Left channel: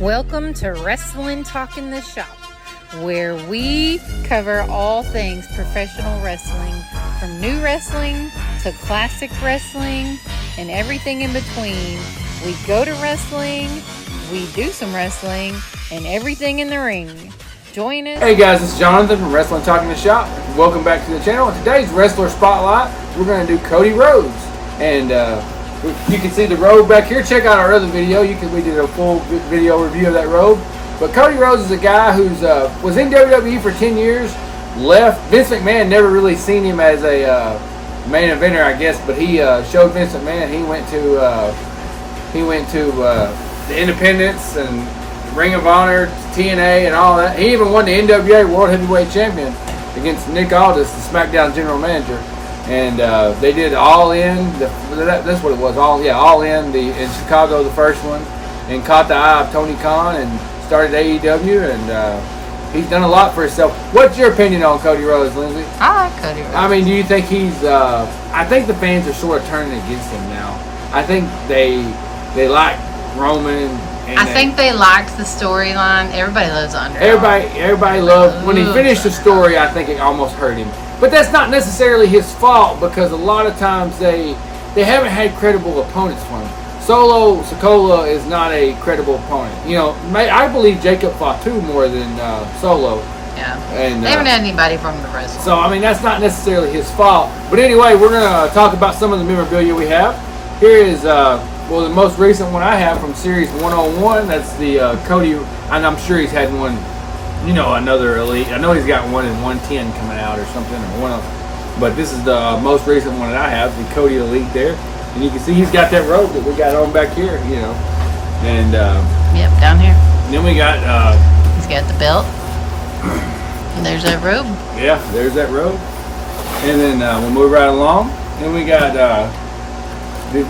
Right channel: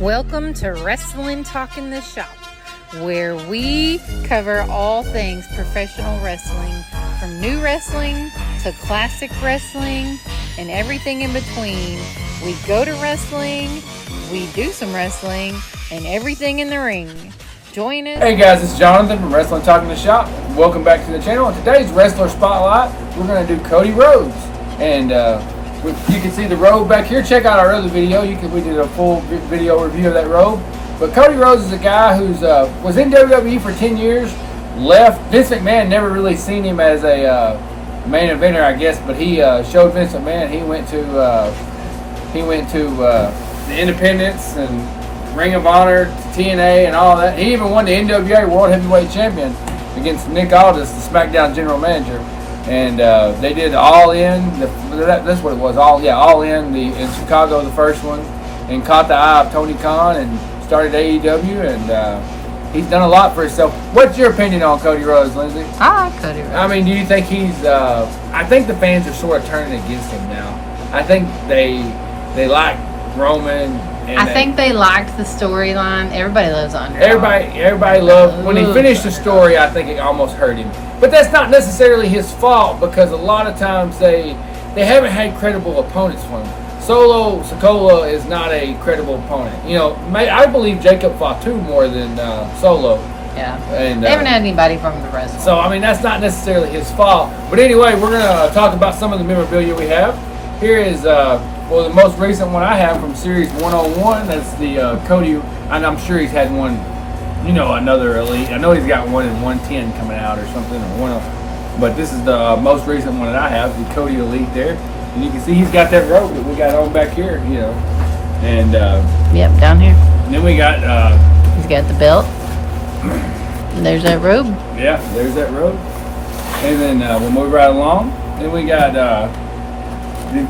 Welcome to Wrestling Talk in the Shop, where we cover all things professional wrestling, from new wrestling to classic wrestling and everything in between. We go to wrestling, we do some wrestling, and everything in the ring. Join us. Hey guys, it's Jonathan from Wrestling Talk in the Shop. Welcome back to the channel. In today's Wrestler Spotlight, we're going to do Cody Rhodes. And you can see the robe back here. Check out our other video. We did a full video review of that robe. But Cody Rhodes is a guy who's was in WWE for 10 years, left. Vince McMahon never really seen him as a main eventer, I guess, but he showed Vince McMahon. He went to the Independence and Ring of Honor, TNA, and all that. He even won the NWA World Heavyweight Champion against Nick Aldis, the SmackDown general manager. And they did All In. That's what it was. All In. In Chicago, the first one, and caught the eye of Tony Khan and started AEW. And he's done a lot for himself. What's your opinion on Cody Rhodes, Lindsay? I like Cody Rhodes. I mean, do you think he's? I think the fans are sort of turning against him now. I think they like Roman. I think they liked the storyline. Everybody loves the underdog. Everybody loved when he finished the story. I think it almost hurt him, but that's not necessarily his fault because a lot of times they haven't had credible opponents for him. Solo Sikoa is not a credible opponent. You know, I believe Jacob Fatu more than Solo. Yeah, and they haven't had anybody from the wrestling. So I mean, that's not necessarily his fault. But anyway, we're gonna talk about some of the memorabilia we have. Here is the most recent one I have from Series 101. That's the Cody, and I'm sure he's had one, another Elite. I know he's got one in 110 coming out or something, but this is the most recent one that I have, the Cody Elite there. And you can see he's got that robe that we got on back here, and yep, down here. And then we got he's got the belt. And there's that robe. Yeah, there's that robe. And then we'll move right along. Then we got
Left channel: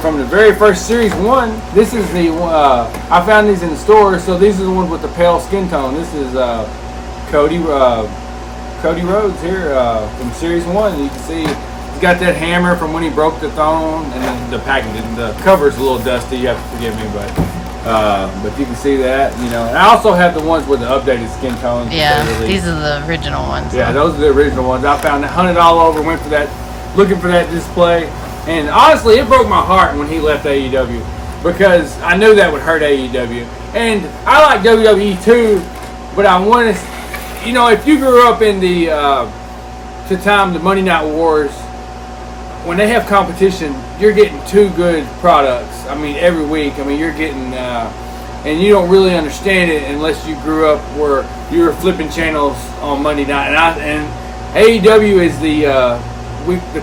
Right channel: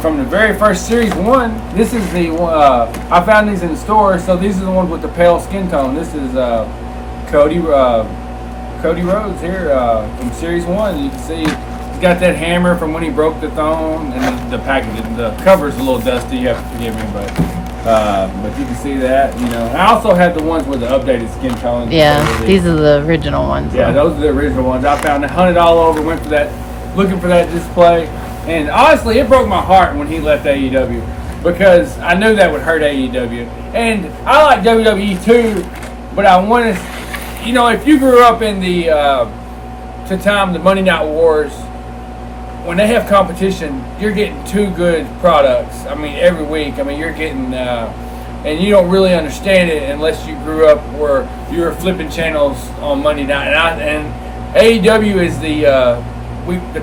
from the very first Series 1, this is the I found these in the store, so these are the ones with the pale skin tone. This is Cody Rhodes here from Series 1. You can see he's got that hammer from when he broke the throne, and the packaging, the cover's a little dusty, you have to forgive me, but you can see that, And I also have the ones with the updated skin tone. Yeah, these are the original ones. Yeah, those are the original ones. I found $100 over, went for that, looking for that display. And honestly, it broke my heart when he left AEW because I knew that would hurt AEW. And I like WWE too, but I wanted, if you grew up in the Monday Night Wars, when they have competition, you're getting two good products. I mean, every week. I mean, you're getting, and you don't really understand it unless you grew up where you were flipping channels on Monday night. And AEW is the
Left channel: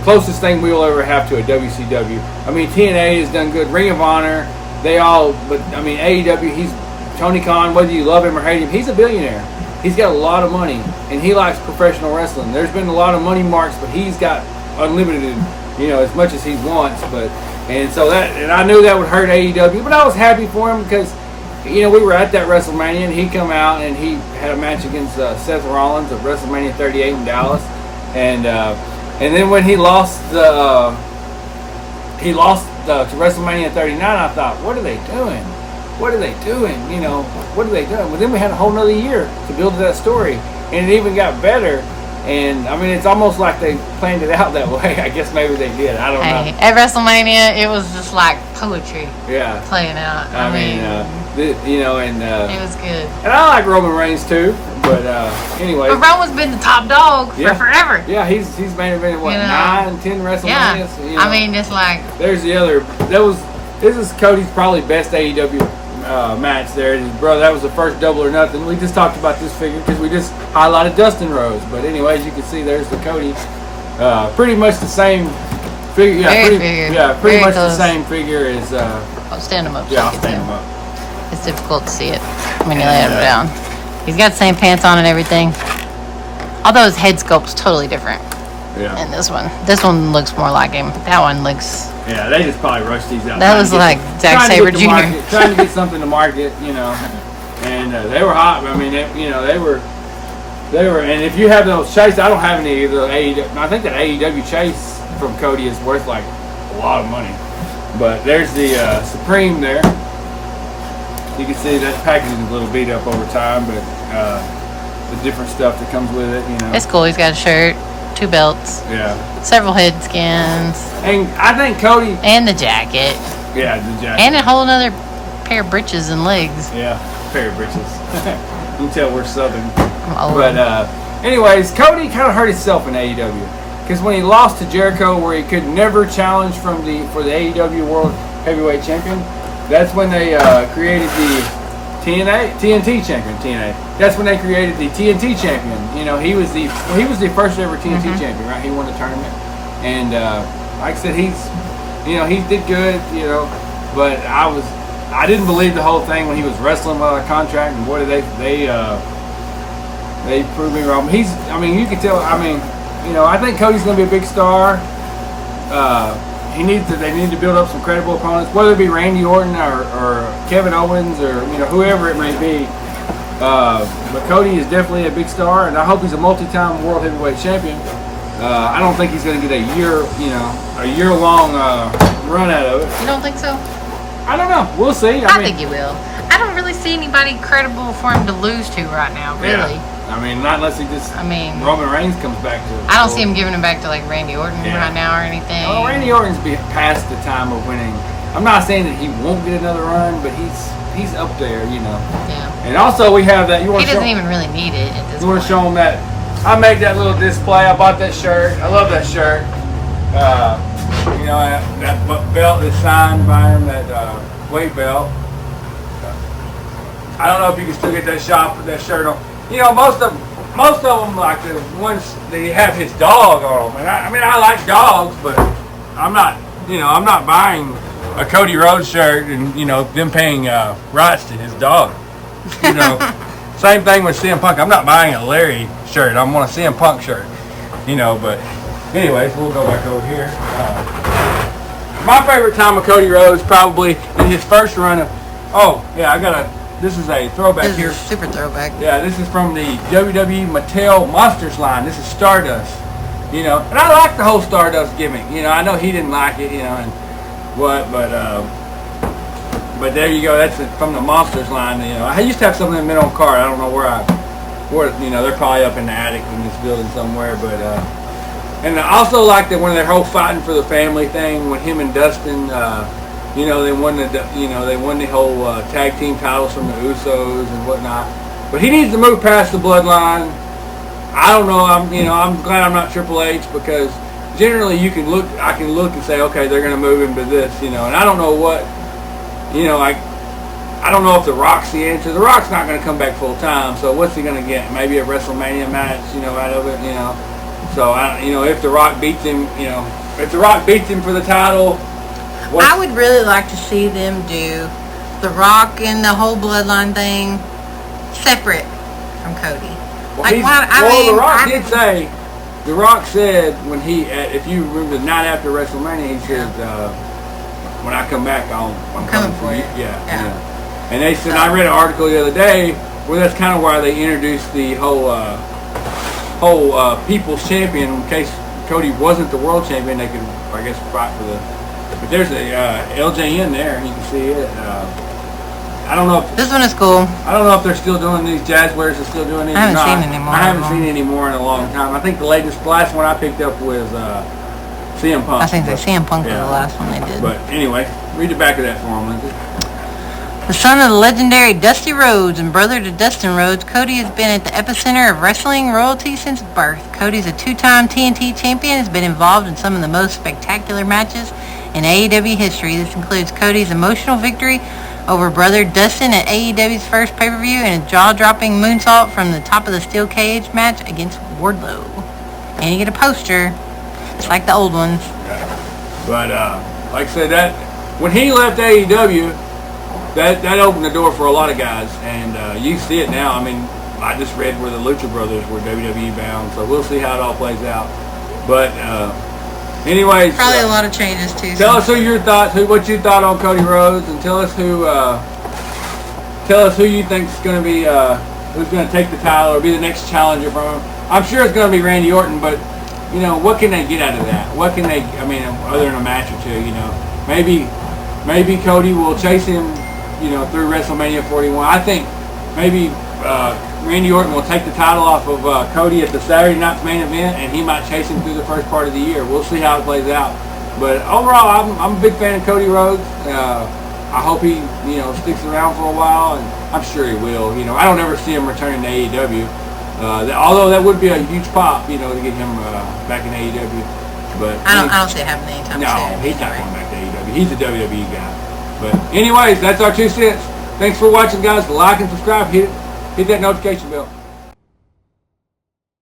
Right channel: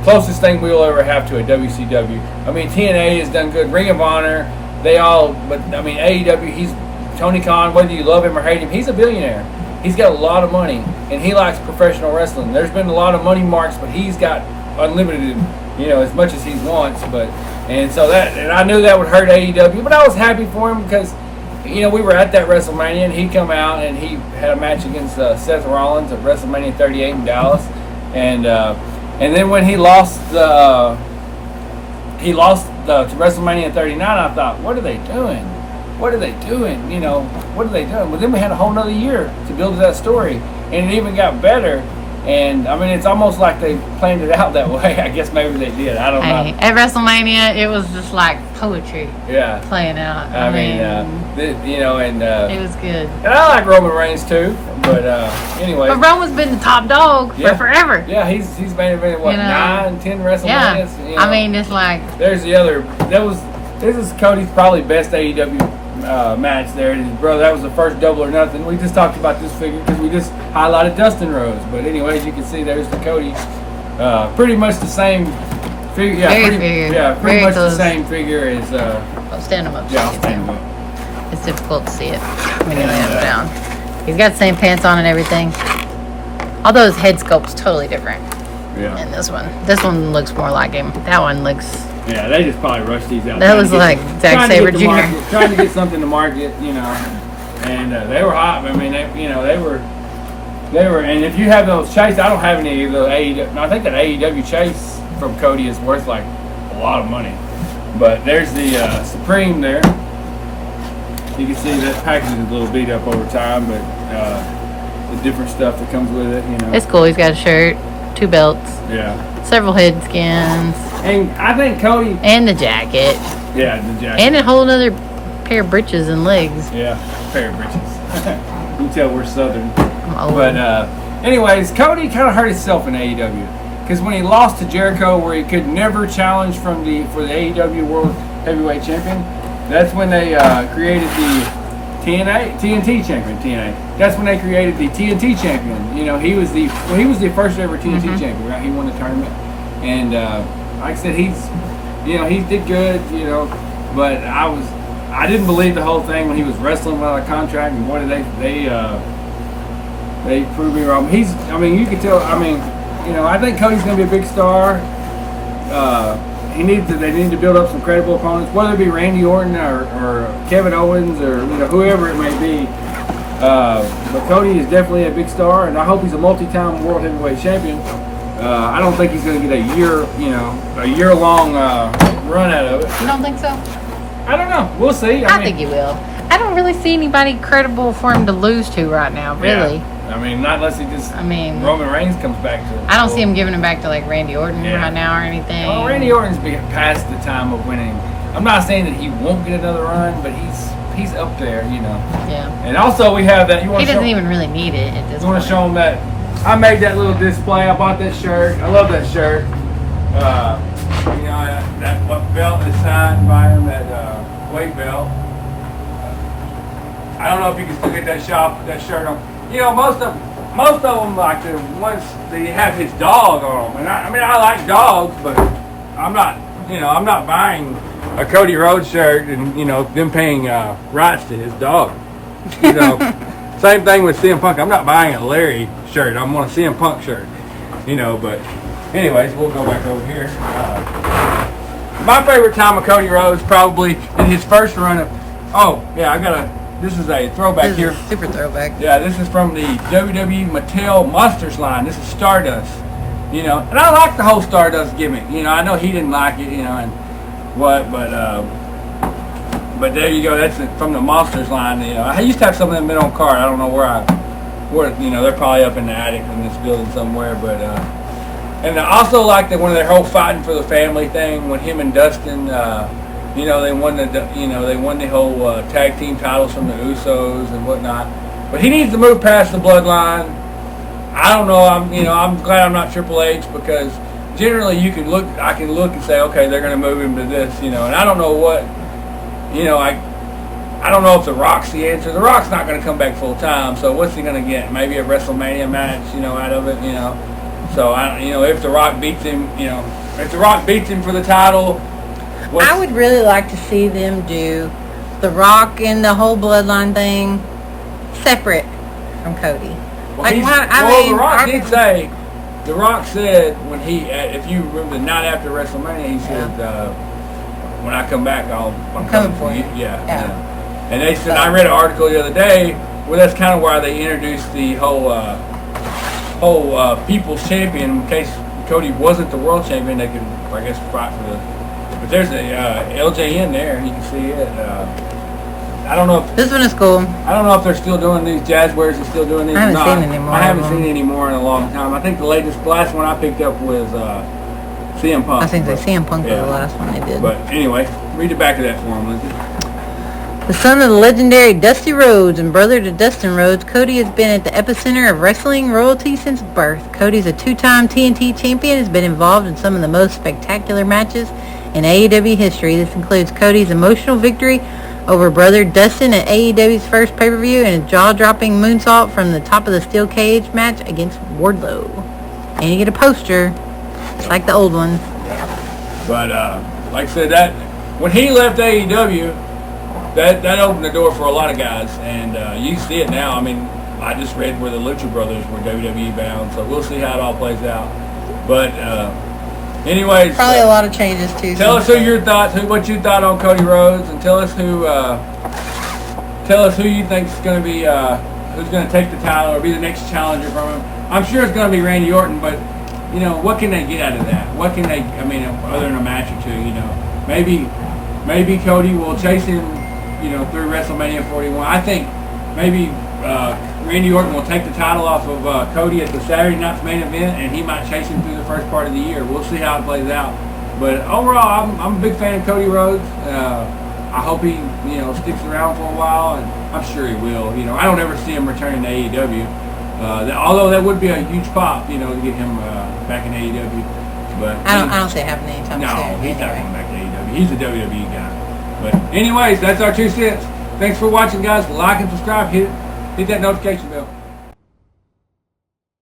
closest thing we'll ever have to a WCW. I mean, TNA has done good. Ring of Honor, but I mean, AEW, he's Tony Khan, whether you love him or hate him, he's a billionaire. He's got a lot of money, and he likes professional wrestling. There's been a lot of money marks, but he's got unlimited, as much as he wants. And I knew that would hurt AEW, but I was happy for him because, we were at that WrestleMania, and he come out and he had a match against Seth Rollins at WrestleMania 38 in Dallas, and then when he lost to WrestleMania 39, I thought, what are they doing? What are they doing? What are they doing? Well, then we had a whole nother year to build that story, and it even got better. And I mean, it's almost like they planned it out that way. I guess maybe they did. I don't know. At WrestleMania, it was just like poetry. Yeah, playing out. I mean, it was good. And I like Roman Reigns too, but anyway. But Roman's been the top dog for forever. Yeah, he's been 9, 10 WrestleManias. Yeah. I mean, it's like there's the other. This is Cody's probably best AEW match there. Bro, that was the first Double or Nothing. We just talked about this figure because we just highlighted Dustin Rhodes. But anyways, you can see there's the Cody. Pretty much the same figure. Yeah, pretty much the same figure as. I'll stand him up. Yeah, I'll stand him up. It's difficult to see it when you lay him down. He's got the same pants on and everything. Although his head sculpt's totally different. Yeah. And this one looks more like him. That one looks. Yeah, they just probably rushed these out. That was like Zack Sabre Jr. Trying to get something to market, and they were hot. I mean, they were. And if you have those chase, I don't have any of the AEW. I think that AEW chase from Cody is worth like a lot of money. But there's the Supreme there. You can see that packaging is a little beat up over time, but the different stuff that comes with it, you know. It's cool. He's got a shirt, 2 belts, Yeah. several head skins, And I think Cody. and the jacket, Yeah, the jacket. and a whole other pair of breeches and legs. Yeah, pair of breeches. You can tell we're Southern. I'm old. But anyways, Cody kind of hurt himself in AEW because when he lost to Jericho, where he could never challenge for the AEW World Heavyweight Champion, that's when they created the TNT champion. TNA. That's when they created the TNT champion. You know, he was the first ever TNT champion, right? He won the tournament, and like I said, he did good. You know, but I didn't believe the whole thing when he was wrestling without a contract, and boy, they proved me wrong. You can tell. I think Cody's going to be a big star. They need to build up some credible opponents, whether it be Randy Orton or Kevin Owens or whoever it may be. But Cody is definitely a big star, and I hope he's a multi-time world heavyweight champion. I don't think he's going to get a year-long run out of it. You don't think so? I don't know. We'll see. I think he will. I don't really see anybody credible for him to lose to right now, really. Yeah. Not unless he just. Roman Reigns comes back to. I don't see him giving him back to like Randy Orton right now or anything. Oh, Randy Orton's past the time of winning. I'm not saying that he won't get another run, but he's up there, Yeah. And also we have that. He doesn't even really need it at this point. You want to show him that I made that little display. I bought that shirt. I love that shirt. That belt is signed by him. That weight belt. I don't know if you can still get that shirt on. Most of them, like the ones they have his dog on them, and I like dogs, but I'm not buying a Cody Rhodes shirt and them paying rights to his dog. Same thing with CM Punk. I'm not buying a Larry shirt. I'm on a CM Punk shirt. But anyways, we'll go back over here. My favorite time of Cody Rhodes probably in his first run of. This is a throwback here. Super throwback. Yeah, this is from the WWE Mattel Monsters line. This is Stardust. And I like the whole Stardust gimmick. I know he didn't like it, but there you go. That's from the Monsters line. I used to have some of them in on card. I don't know where they're probably up in the attic in this building somewhere, but and I also like that when their whole fighting for the family thing when him and Dustin. They won the whole tag team titles from the Usos and whatnot. But he needs to move past the bloodline. I don't know. I'm glad I'm not Triple H because generally I can look and say, okay, they're going to move him to this, and I don't know what, I don't know if The Rock's the answer. The Rock's not going to come back full time. So what's he going to get? Maybe a WrestleMania match, out of it, So if The Rock beats him, for the title. I would really like to see them do The Rock and the whole bloodline thing separate from Cody. The Rock said when if you remember the night after WrestleMania, he said, "When I come back, I'm coming for you." Yeah. And they said I read an article the other day where that's kind of why they introduced the whole People's Champion in case Cody wasn't the world champion. They could, I guess, fight for the. But there's a LJN there, and you can see it. I don't know if this one is cool. I don't know if they're still doing these. Jazzwares are still doing these. I haven't seen any more. I haven't seen any more in a long time. I think the last one I picked up was CM Punk. I think the CM Punk was the last one they did. But anyway, read the back of that for him, Lindsay. The son of the legendary Dusty Rhodes and brother to Dustin Rhodes, Cody has been at the epicenter of wrestling royalty since birth. Cody's a 2-time TNT champion, has been involved in some of the most spectacular matches in AEW history. This includes Cody's emotional victory over brother Dustin at AEW's first pay-per-view and a jaw-dropping moonsault from the top of the steel cage match against Wardlow. And you get a poster, just like the old ones. But like I said, that when he left AEW, that opened the door for a lot of guys, and you see it now. I just read where the Lucha Brothers were WWE bound, so we'll see how it all plays out. But anyways, probably a lot of changes too. Tell us what you thought on Cody Rhodes, and tell us who you think's going to be who's going to take the title or be the next challenger from him. I'm sure it's going to be Randy Orton, but what can they get out of that? What can they? Other than a match or two, maybe Cody will chase him through WrestleMania 41. I think maybe Randy Orton will take the title off of Cody at the Saturday night's main event, and he might chase him through the first part of the year. We'll see how it plays out. But overall, I'm a big fan of Cody Rhodes. I hope he, sticks around for a while, and I'm sure he will. I don't ever see him returning to AEW. Although that would be a huge pop, to get him back in AEW. But I don't see it happening anytime soon. No, he's not going back to AEW. He's a WWE guy. But anyways, that's our 2 cents. Thanks for watching, guys. Like and subscribe. Hit that notification bell.